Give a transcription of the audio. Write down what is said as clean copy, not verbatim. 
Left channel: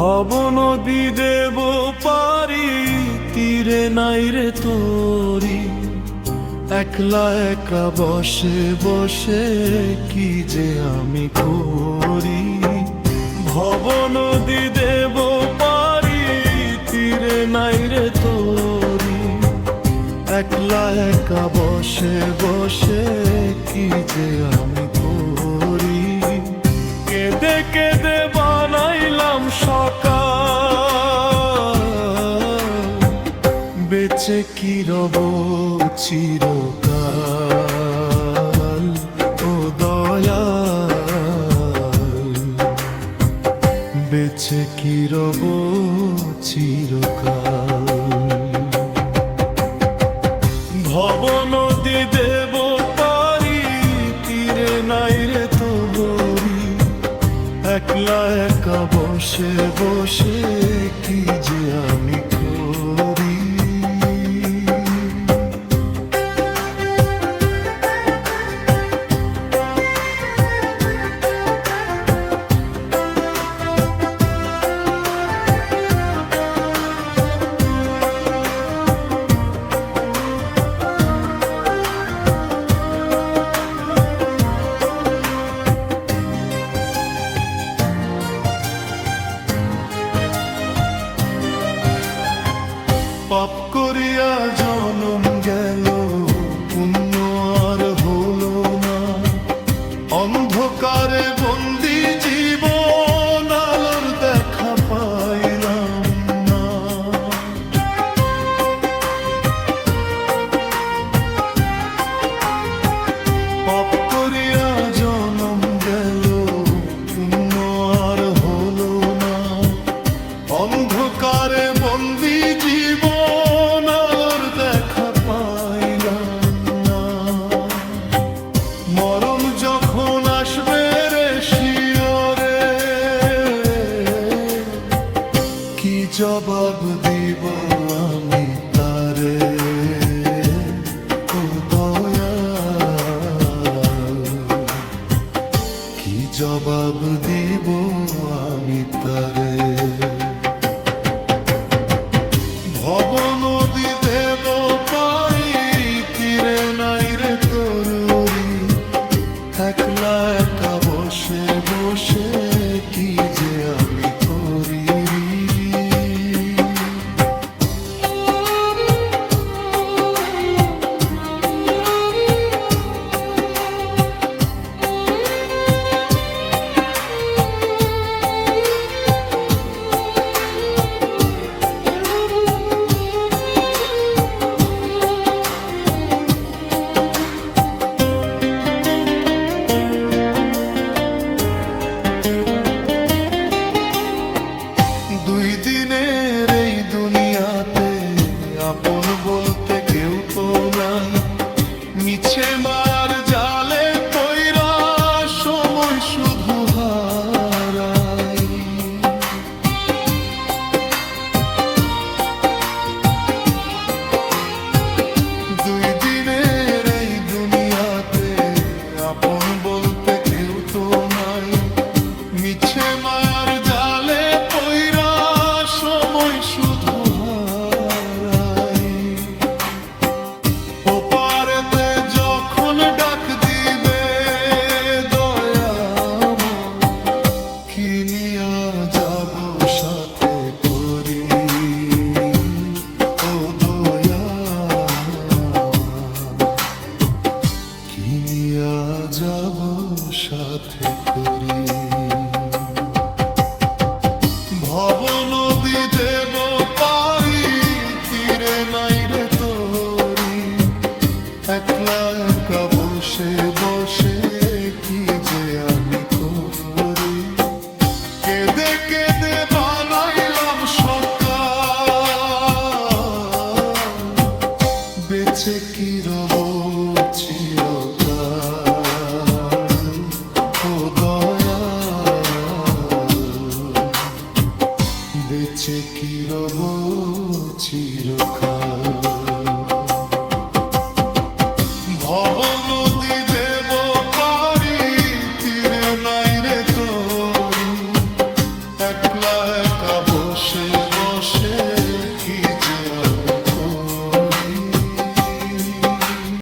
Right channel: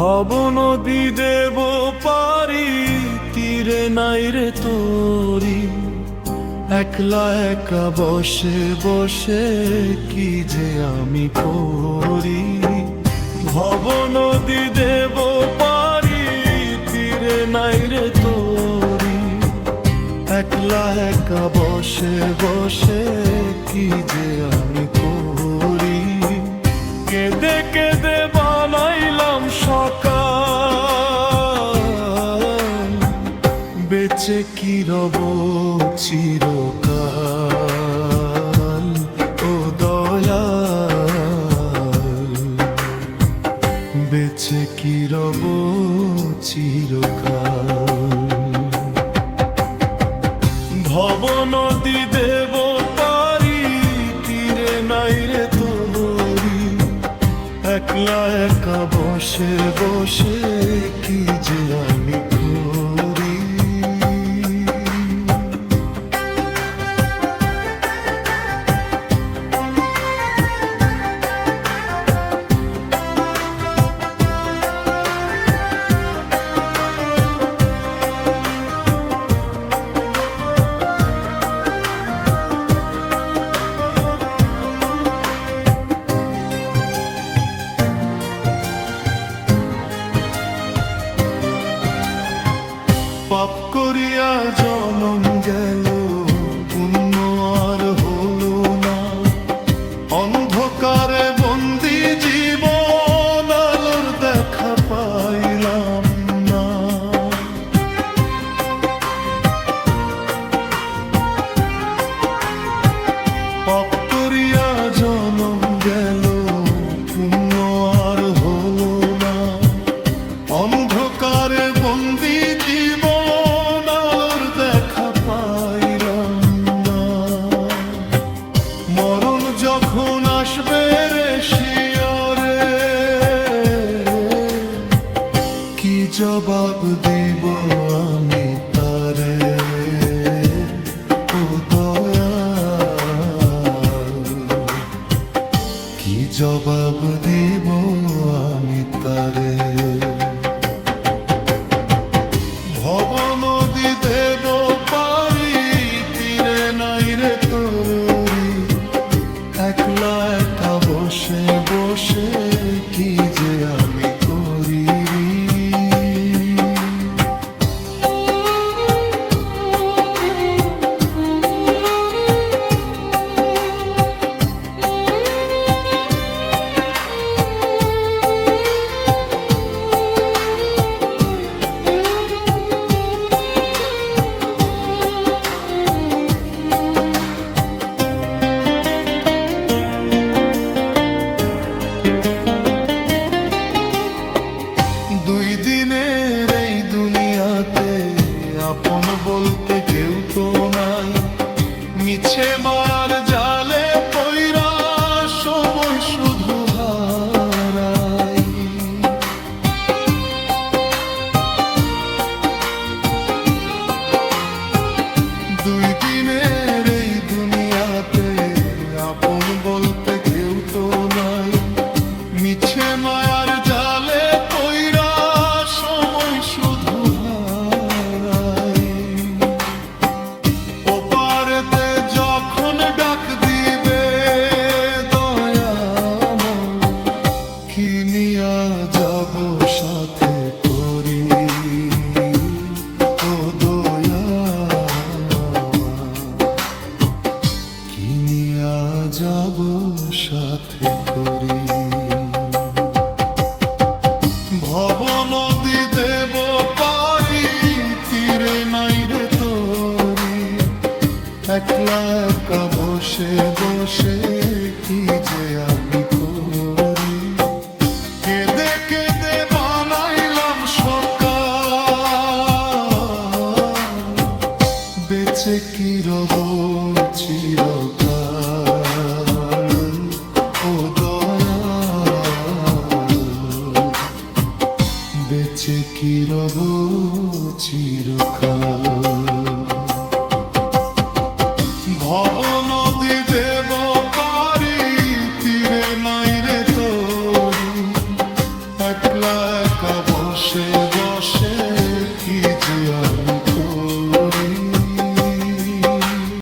ভব নদী দেব পারি, তীরে নাই রে তোরি। একলা একা বসে বসে কি যে আমি করি। ভব নদী দেব পারি, তীরে নাই রে তোরি। একলা একা বসে বসে কি যে আমি করি। কেঁদে কেঁদে বানাইলাম সকাল, বেঁচে কি রব চিরকাল। ও দয়াল, বেঁচে কি রব চিরকাল। ভব নদী দেব পারি, তীরে নাই রে তোরি। একলা একা বসে বসে কি যে আমি করি। পাপ করিয়া জনম গেল, পুণ্য আর হলো না। অন্ধকারে বন্দি জীবন, আলোর দেখা পাইলাম না। পাপ করিয়া জনম গেল, পুণ্য আর হলো না। অন্ধকারে বন্দি জীবন, আলোর দেখা পাইলাম না। মরণ যখন আসবে রে শিয়রে, কি জবাব দিব আমি তারে। ও দয়াল, কি জবাব দিব আমি তারে। ভব নদী দেব পারি, তীরে নাই রে তোরি। একলা একা বসে বসে কি যে আমি করি। দুই দিনের এই দুনিয়াতে আপন বলতে কেউ তো নাই। মিছে মার জালে পইরা সময় শুধু হারাই। দুই দিনের এই দুনিয়াতে আপন বলতে কেউ তো নাই। মিছে মায়ার জালে পইরা সময় শুধু হারাই। ওপারেতে যখন ডাক দিবে দয়াময়, কি নিয়া যাব সাথে করি। ও দয়াময়, কি নিয়া যাব সাথে করি। ভব নদী দেব পারি, তীরে নাই রে তোরি। একলা একা বসে বসে কি যে আমি করি। কেঁদে কেঁদে বানাইলাম সকাল, বেঁচে কি রব চিরকাল। ও দয়াল, বেঁচে কি রব চিরকাল। ভব নদী দেব পারি, তীরে নাই রে তোরি। একলা একা বসে বসে কি যে আমি করি